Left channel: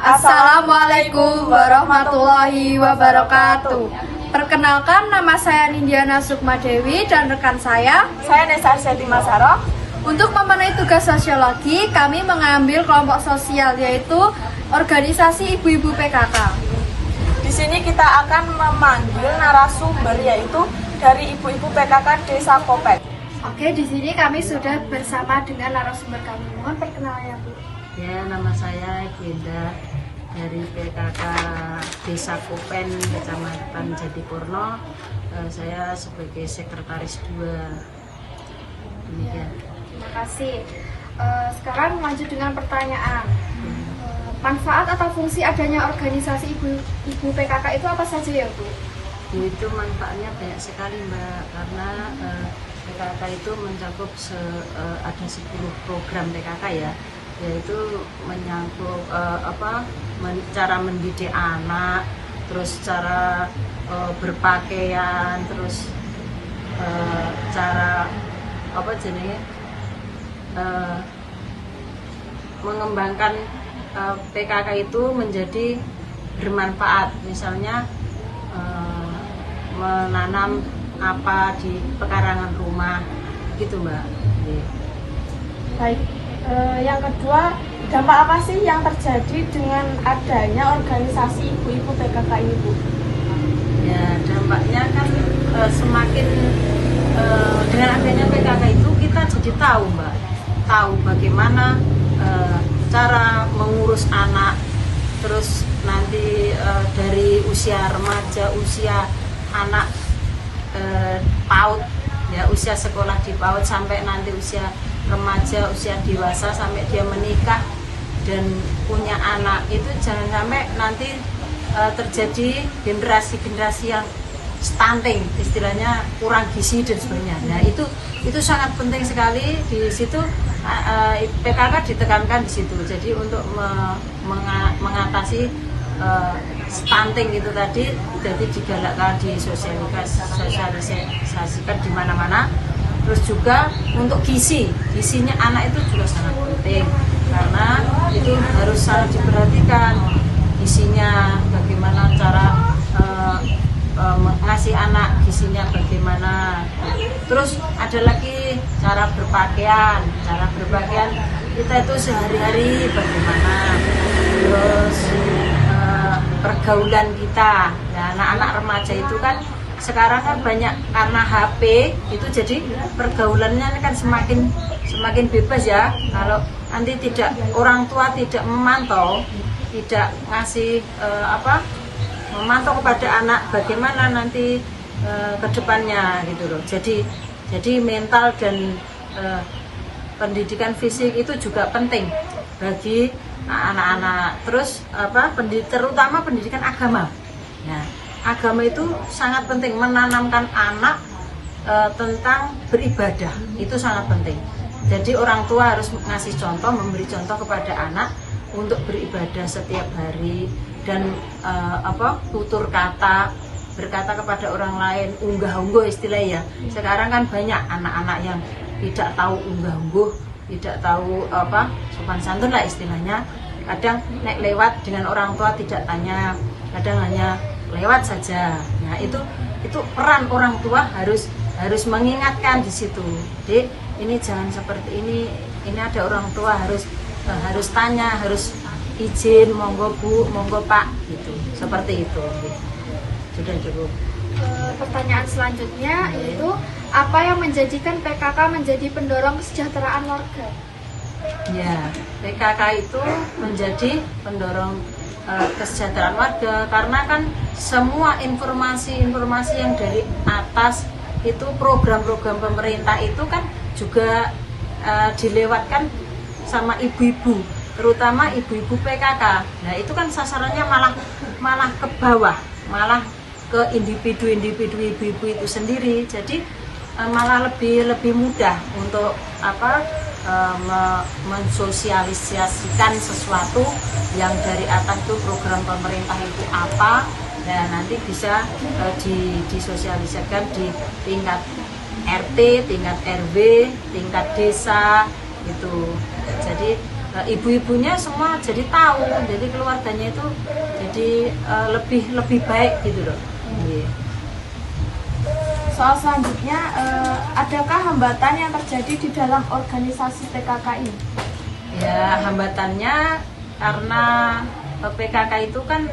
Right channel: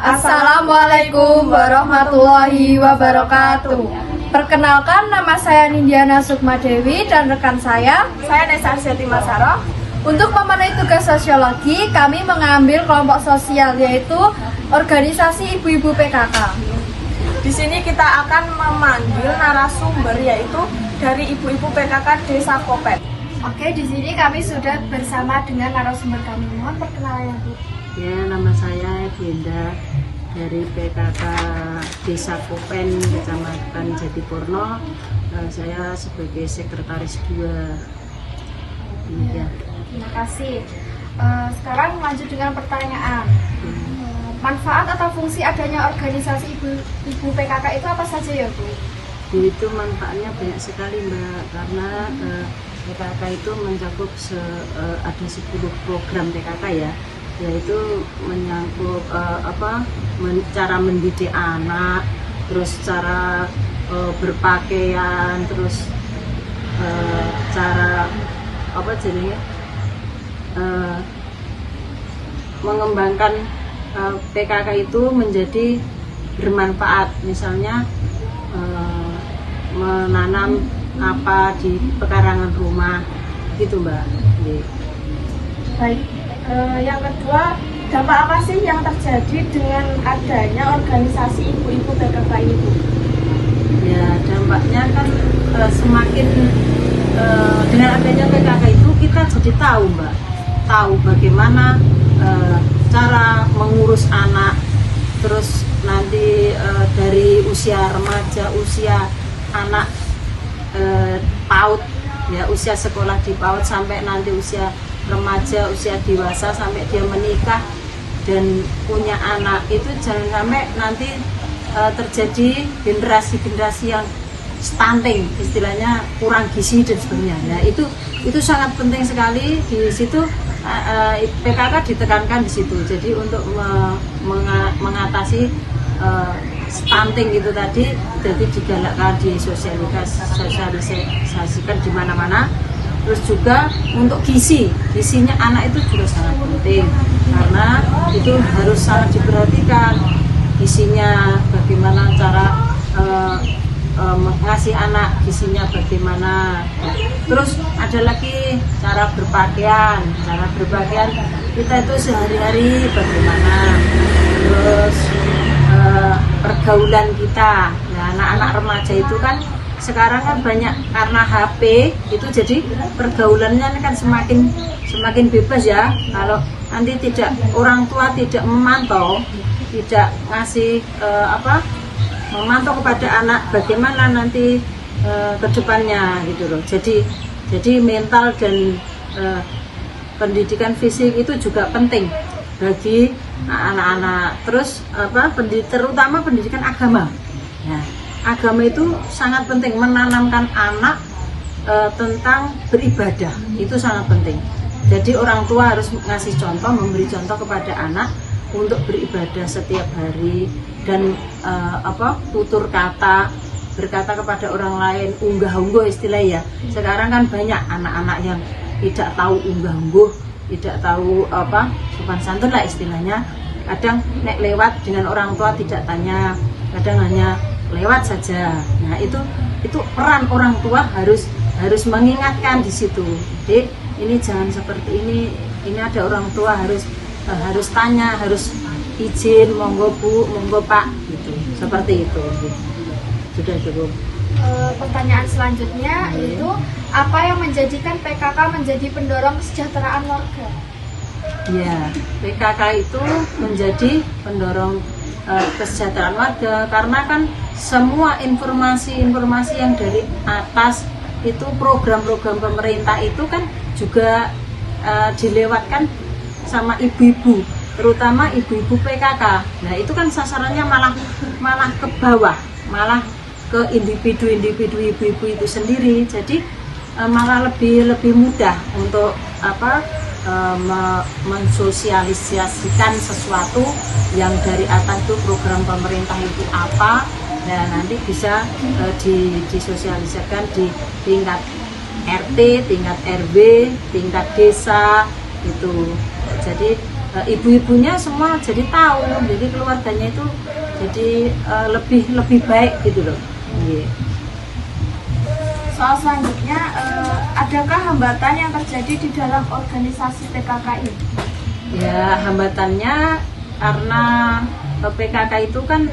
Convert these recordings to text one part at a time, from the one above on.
Assalamualaikum warahmatullahi wabarakatuh. Perkenalkan, nama saya Nindiana Sukmadewi dan rekan saya Nesa Arseti Masaro. Untuk memenuhi tugas sosiologi, kami mengambil kelompok sosial yaitu organisasi ibu-ibu PKK. Di sini kita akan memanggil narasumber yaitu dari ibu-ibu PKK Desa Kopen. Oke, di sini kami sudah bersama dengan narasumber kami. Mohon perkenalan, Bu. Ya, nama saya Ibu Indah dari PKK Desa Kopen, Kecamatan Jatipurno. Saya sebagai sekretaris 2. Demikian. Terima kasih. Sekarang lanjut dengan pertanyaan. Manfaat atau fungsi adanya organisasi ibu PKK itu apa saja ya, Bu? Itu manfaatnya banyak sekali, Mbak, karena PKK itu mencakup ada 10 program PKK ya, yaitu menyangkut cara mendidik anak, terus cara berpakaian, terus cara mengembangkan PKK itu menjadi bermanfaat, misalnya menanam apa di pekarangan rumah gitu, Mbak. Baik, yang kedua, dampak apa sih yang terjadi dengan adanya organisasi ibu-ibu PKK ini, Bu? Ya, dampaknya kan semakin dengan adanya PKK itu kita jadi tahu, Mbak, tahu bagaimana cara mengurus anak, terus nanti dari usia remaja, usia anak PAUD ya, usia sekolah di PAUD sampai nanti usia remaja, usia dewasa sampai dia menikah dan punya anak, itu jangan sampai nanti terjadi generasi-generasi yang stunting, istilahnya kurang gizi dan sebagainya. Nah, itu sangat penting sekali di situ. PKK ditekankan di situ. Jadi untuk mengatasi stunting itu tadi, jadi digalakkan, disosialisasikan di mana-mana. Terus juga untuk gizinya anak itu juga sangat penting, karena itu harus sangat diperhatikan gizinya, bagaimana cara ngasih anak gizinya bagaimana. Terus ada lagi cara berpakaian kita itu sehari-hari bagaimana, terus pergaulan kita. Nah, anak-anak remaja itu kan sekarang kan banyak karena HP itu, jadi pergaulannya kan semakin bebas ya. Kalau nanti orang tua tidak memantau, tidak ngasih memantau kepada anak bagaimana nanti ke depannya gitu loh. Jadi mental dan pendidikan fisik itu juga penting bagi anak-anak. Terus terutama pendidikan agama. Ya, agama itu sangat penting, menanamkan anak tentang beribadah itu sangat penting. Jadi orang tua harus ngasih contoh, memberi contoh kepada anak untuk beribadah setiap hari dan tutur kata, berkata kepada orang lain, unggah-ungguh istilahnya. Sekarang kan banyak anak-anak yang tidak tahu unggah-ungguh, tidak tahu sopan santun lah istilahnya. Kadang nek lewat dengan orang tua tidak tanya, kadang hanya lewat saja. Nah, itu peran orang tua harus mengingatkan di situ. Dek, ini jangan seperti ini ada orang tua, harus tanya, harus izin, monggo Bu, monggo Pak, gitu. Seperti itu. Sudah cukup. Pertanyaan selanjutnya itu, apa yang menjadikan PKK menjadi pendorong kesejahteraan warga? Ya, PKK itu menjadi pendorong kesejahteraan warga karena kan semua informasi yang dari atas itu, program-program pemerintah itu kan juga dilewatkan sama ibu-ibu, terutama ibu-ibu PKK. Nah, itu kan sasarannya malah ke bawah, malah ke individu-individu ibu-ibu itu sendiri. Jadi malah lebih mudah untuk mensosialisasikan sesuatu yang dari atas itu, program pemerintah itu apa. Nah, nanti bisa disosialisasikan di tingkat RT, tingkat RW, tingkat desa itu. Jadi ibu-ibunya semua jadi tahu, jadi keluarganya itu jadi lebih baik gitu loh. Iya. Soal selanjutnya, adakah hambatan yang terjadi di dalam organisasi PKK ini? Ya, hambatannya karena PKK itu kan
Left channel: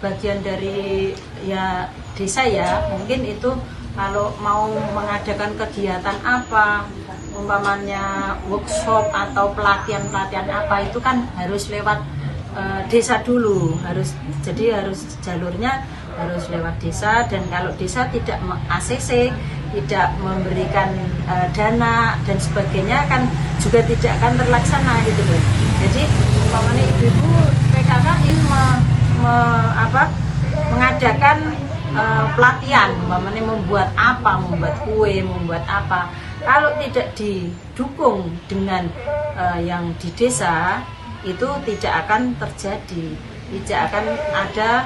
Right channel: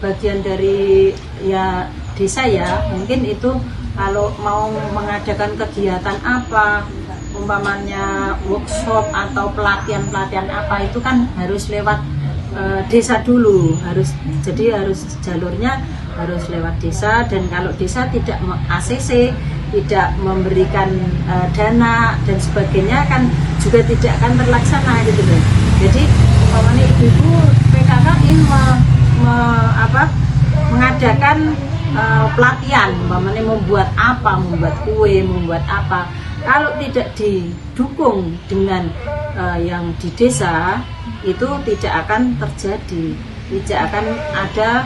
bagian dari ya desa ya, mungkin itu kalau mau mengadakan kegiatan apa, umpamanya workshop atau pelatihan apa itu kan harus lewat desa dulu, harus jalurnya harus lewat desa, dan kalau desa tidak ACC, tidak memberikan dana dan sebagainya kan juga tidak akan terlaksana gitu loh. Jadi umpamanya ibu-ibu PKK ingin mengadakan pelatihan, umpamanya membuat kue, membuat apa. Kalau tidak didukung dengan yang di desa, itu tidak akan terjadi, tidak akan ada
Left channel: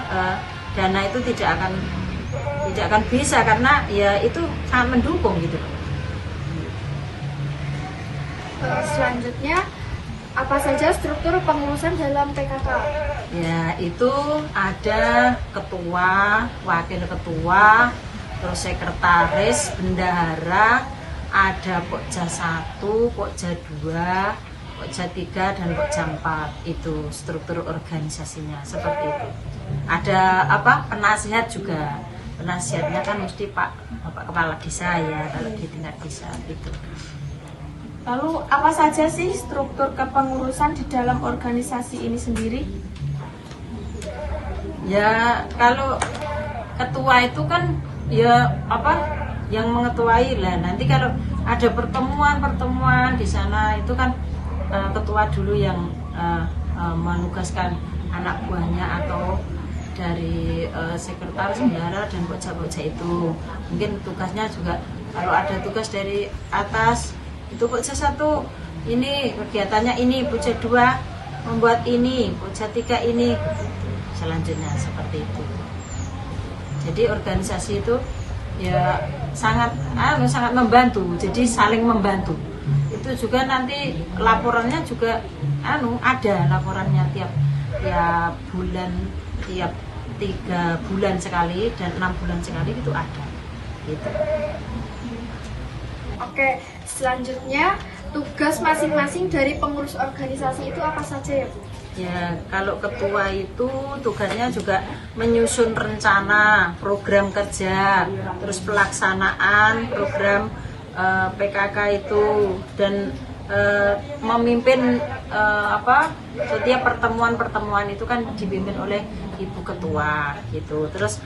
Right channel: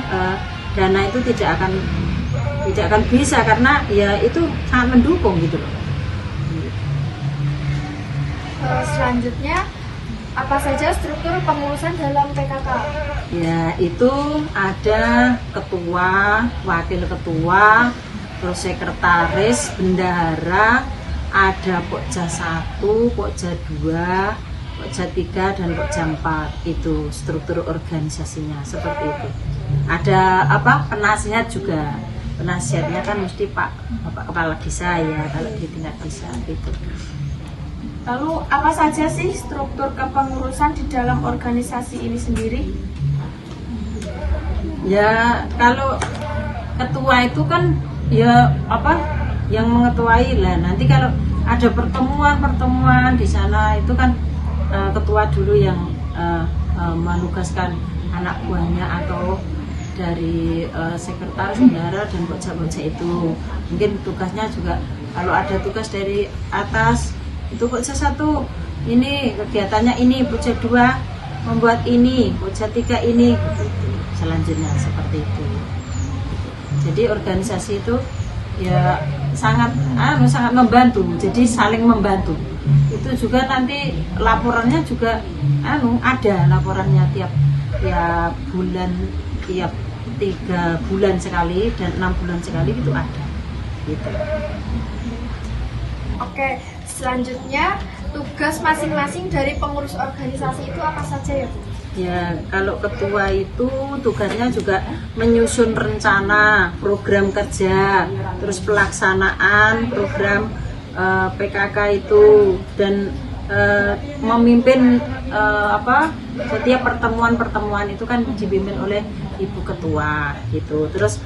dana, itu tidak akan bisa, karena ya itu sangat mendukung gitu loh. Selanjutnya, apa saja struktur pengurusan dalam PKK? Ya, itu ada ketua, wakil ketua, terus sekretaris, bendahara, ada Pokja 1, Pokja 2, Pokja 3, dan Pokja 4. Itu struktur organisasinya seperti itu. Ada penasihat juga. Penasihatnya kan mesti Bapak Kepala Desa ya, kalau di tingkat desa itu. Lalu apa saja sih struktur kepengurusan di dalam organisasi ini sendiri? Ya, kalau ketua itu kan ya yang mengetuai lah. Nanti kalau ada pertemuan di sana itu kan ketua dulu yang menugaskan anak buahnya atau dari sekretaris, bendahara, dan bocah-bocah itu. Mungkin tugasnya juga kalau ada tugas dari atas itu Pokja 1 ini kegiatannya ini, Pokja 2 membuat ini, Pokja 3 ini, selanjutnya seperti itu. Jadi organisasi itu ya sangat membantu, jadi saling membantu. Itu juga nanti laporannya juga ada laporannya tiap bulan, tiap 3 bulan sekali dan 6 bulan sekali itu ada gitu. Oke, selanjutnya tugas masing-masing dari pengurus organisasi itu apa saja ya? Ya, kalau ketua itu tugasnya juga menyusun rencana, program kerja, terus pelaksanaan program PKK itu, dan memimpin setiap pertemuan itu kan dipimpin oleh ibu ketua gitu. Terus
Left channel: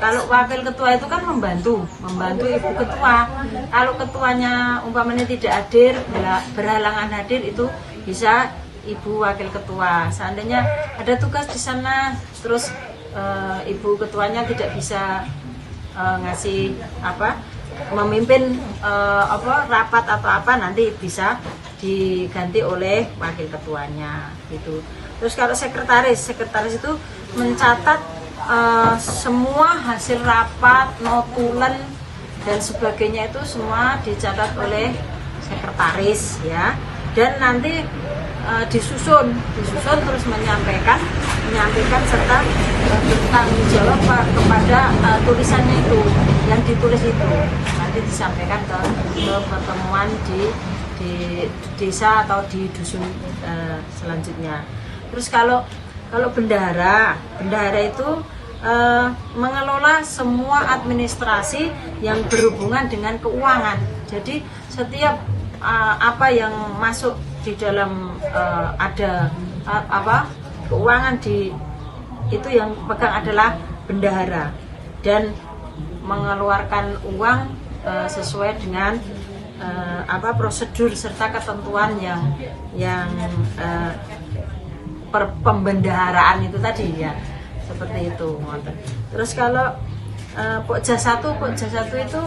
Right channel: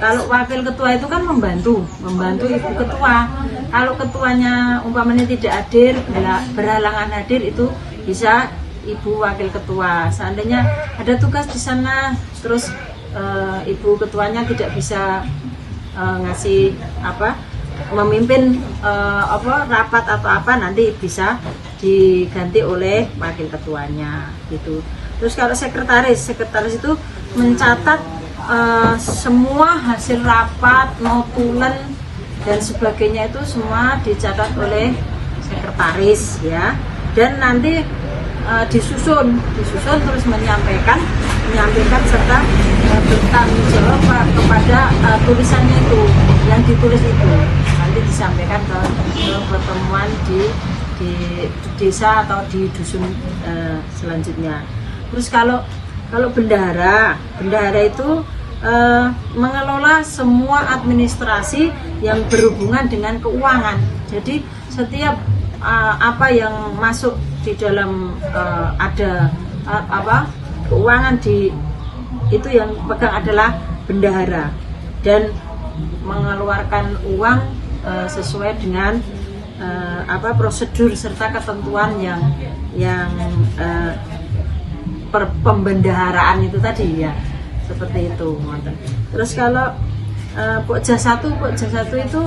kalau wakil ketua itu kan membantu ibu ketua. Kalau ketuanya umpamanya tidak hadir, berhalangan hadir, itu bisa ibu wakil ketua. Seandainya ada tugas di sana, terus ibu ketuanya tidak bisa ngasih memimpin rapat atau apa, nanti bisa diganti oleh wakil ketuanya gitu. Terus kalau sekretaris itu mencatat semua hasil rapat, notulen dan sebagainya, itu semua dicatat oleh sekretaris ya. Dan nanti disusun terus menyampaikan serta bertanggung jawab kepada tulisannya itu, yang ditulis itu nanti disampaikan ke pertemuan di desa atau di dusun selanjutnya. Terus kalau bendahara itu mengelola semua administrasi yang berhubungan dengan keuangan. Jadi setiap apa yang masuk di dalam ada keuangan itu yang pegang adalah bendahara, dan mengeluarkan uang sesuai dengan prosedur serta ketentuan yang pembendaharaan itu tadi ya, seperti itu. Terus kalau Pokja 1 itu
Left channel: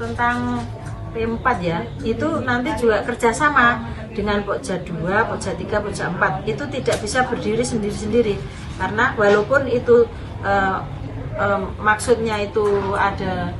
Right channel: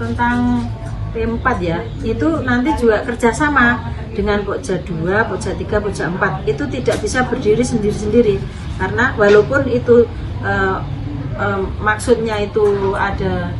tentang P4 ya, itu nanti juga kerjasama dengan Pokja 2, Pokja 3, Pokja 4. Itu tidak bisa berdiri sendiri-sendiri, karena walaupun itu maksudnya itu ada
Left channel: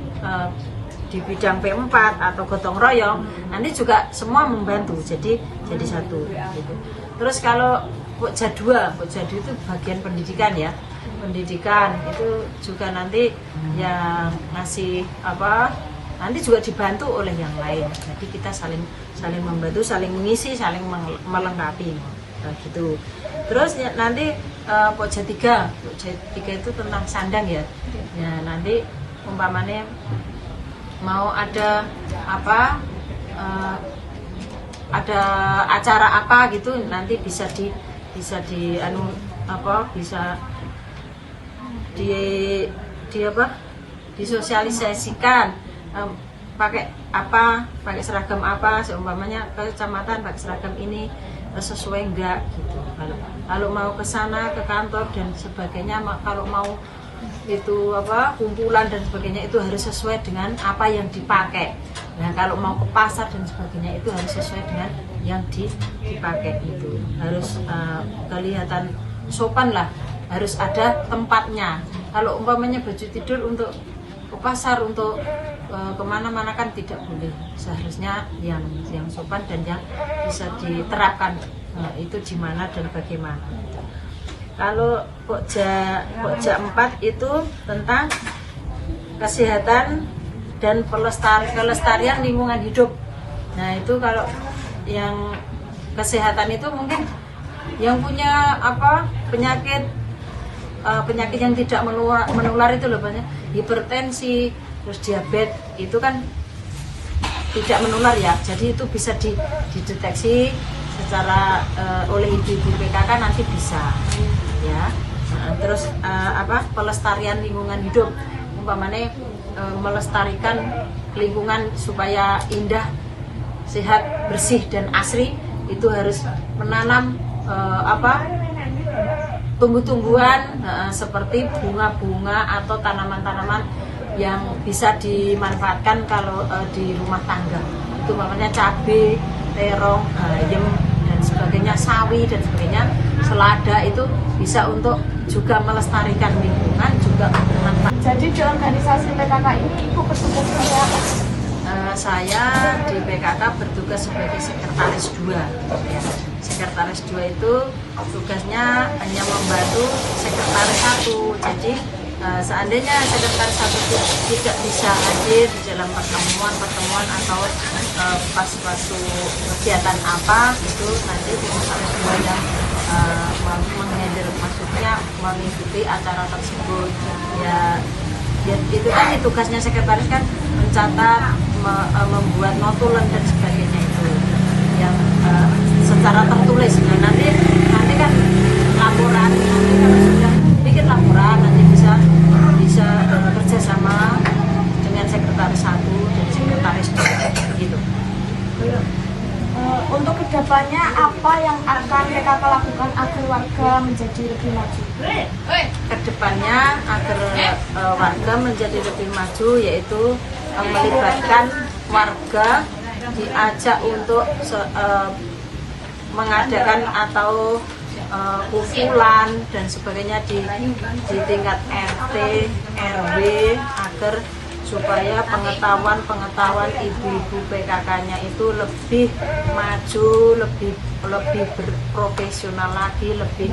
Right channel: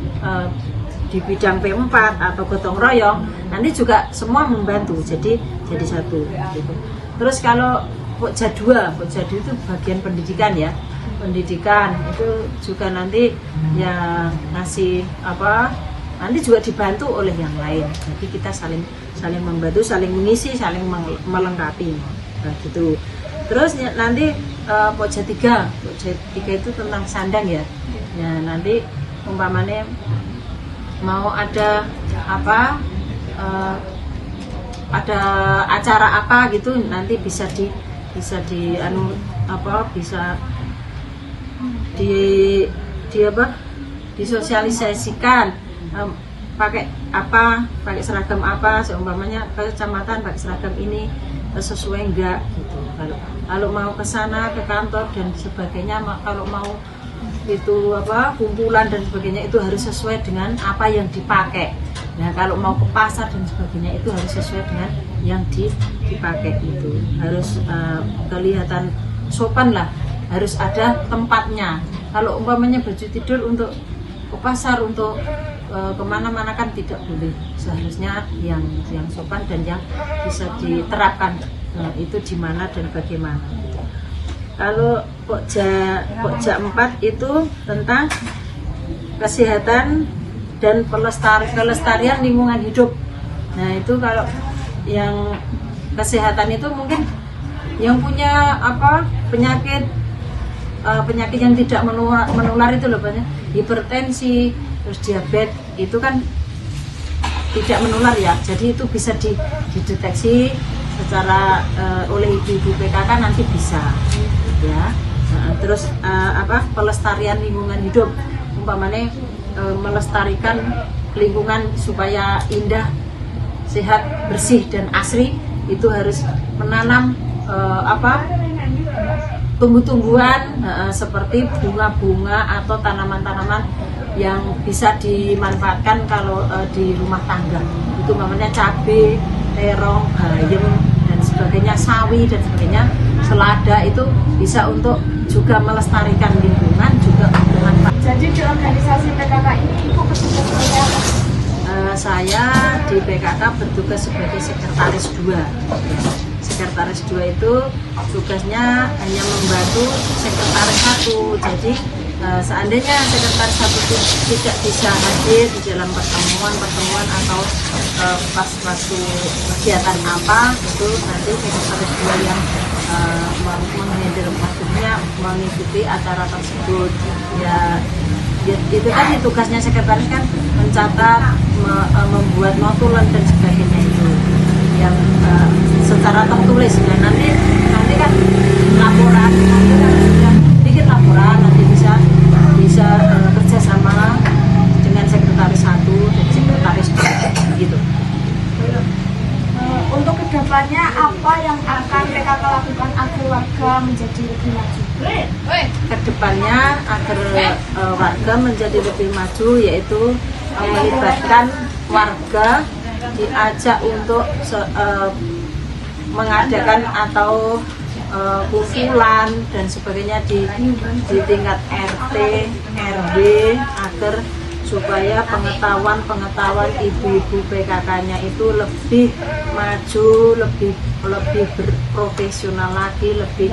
di bidang P4 atau gotong royong, nanti juga semua membantu jadi satu gitu. Terus kalau Pokja 2 itu bagian pendidikan ya, pendidikan itu juga nanti yang ngasih apa, nanti juga dibantu oleh yang lain, jadi kita saling membantu, saling mengisi, saling melengkapi gitu. Terus nanti Pokja 3 itu tentang sandang ya, nanti umpamanya mau ada apa, ada acara apa gitu, nanti bisa disosialisasikan, pakai seragam apa, seumpamanya ke kecamatan pakai seragam ini sesuai enggak gitu. Kalau mau ke sana, ke kantor dan sebagainya, kalau mau itu apa, kumpulan dan sebagainya, itu harus sesuai dengan apa yang dipakai. Nah, kalau mau ke pasar dan sebagainya itu harus sesuai dengan yang dipakai, itu harus kelihatan sopan lah, harus ada tempatnya. Kalau umpamanya baju tidur untuk ke pasar, untuk kemana-mana kan tidak boleh, seharusnya yang sopan dan yang bisa diterapkan itu di mana dan bagaimana. Kalau Pokja 4 itu tentang kesehatan dan kelestarian lingkungan hidup. Nah, itu kalau yang kesehatan itu mungkin yang punya apa, penyakit yang tidak menular itu loh, banyak hipertensi, terus diabetes, itu kan tidak menular ya, jadi itu bisa dideteksi secara oleh ibu-ibu PKK nanti bisa ya. Terus pelestarian lingkungan hidup, umpamanya melestarikan lingkungan supaya indah, sehat, bersih dan asri, itu harus menanam tumbuh-tumbuhan seperti bunga-bunga atau tanaman-tanaman yang bisa dimanfaatkan kalau di rumah tangga. Itu namanya cabai, terong, bayam dan sebagainya, sawi dan sebagainya, selada, itu bisa untuk juga melestarikan lingkungan, juga bermanfaat. Jadi di organisasi PKK ini Ibu bertugas sebagai apa? Saya di PKK bertugas sebagai sekretaris 2 ya. Sekretaris 2 itu tugasnya hanya membantu sekretaris 1. Jadi seandainya sekretaris 1 tidak bisa hadir di dalam pertemuan atau pas waktu kegiatan apa, itu nanti sekretaris 2 yang menghandle, maksudnya mengikuti acara tersebut ya. Itu kan tugasnya sekretaris kan, mencatat, membuat notulen dan sebagainya, itu yang secara tertulis. Nah, nanti kan laporan, nanti kalau sudah bikin laporan nanti bisa kerjasama dengan sekretaris 1 dan sekretaris 2 gitu. Untuk kedepannya apa yang akan PKK lakukan agar warga menjadi lebih maju? Kedepannya agar warga menjadi lebih maju, yaitu melibatkan warga, diajak untuk mengadakan atau kumpulan dan sebagainya di tingkat RT, RW, agar supaya pengetahuan ibu-ibu PKK-nya itu lebih maju, lebih berprofesional lagi, lebih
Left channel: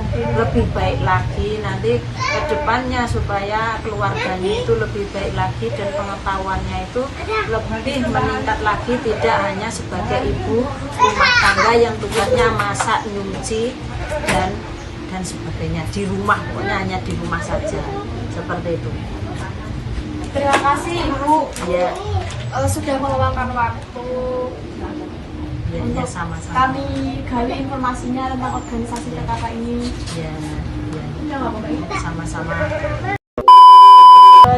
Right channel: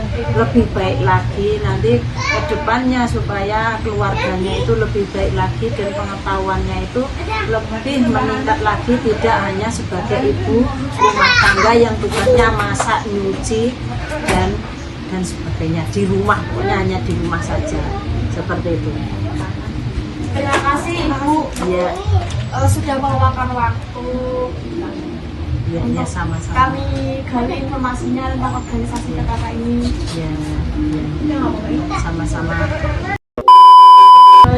baik lagi nanti ke depannya, supaya keluarganya itu lebih baik lagi dan pengetahuannya itu lebih meningkat lagi, tidak hanya sebagai ibu rumah tangga yang tugasnya masak, nyuci dan sebagainya di rumah, pokoknya hanya di rumah saja, seperti itu. Terima kasih Ibu Ya, sudah meluangkan waktu. ya sama-sama. Kami gali informasinya tentang organisasi PKK ini. Ya, sama-sama.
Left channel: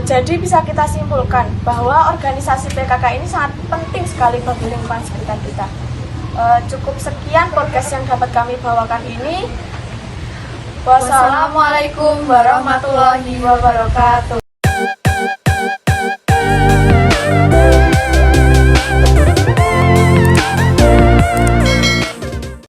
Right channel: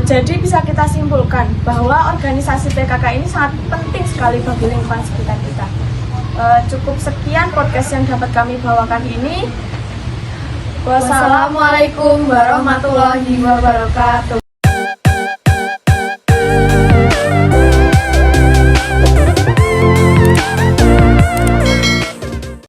Jadi bisa kita simpulkan bahwa organisasi PKK ini sangat penting sekali bagi lingkungan sekitar kita. Cukup sekian podcast yang dapat kami bawakan ini. Wassalamualaikum warahmatullahi wabarakatuh.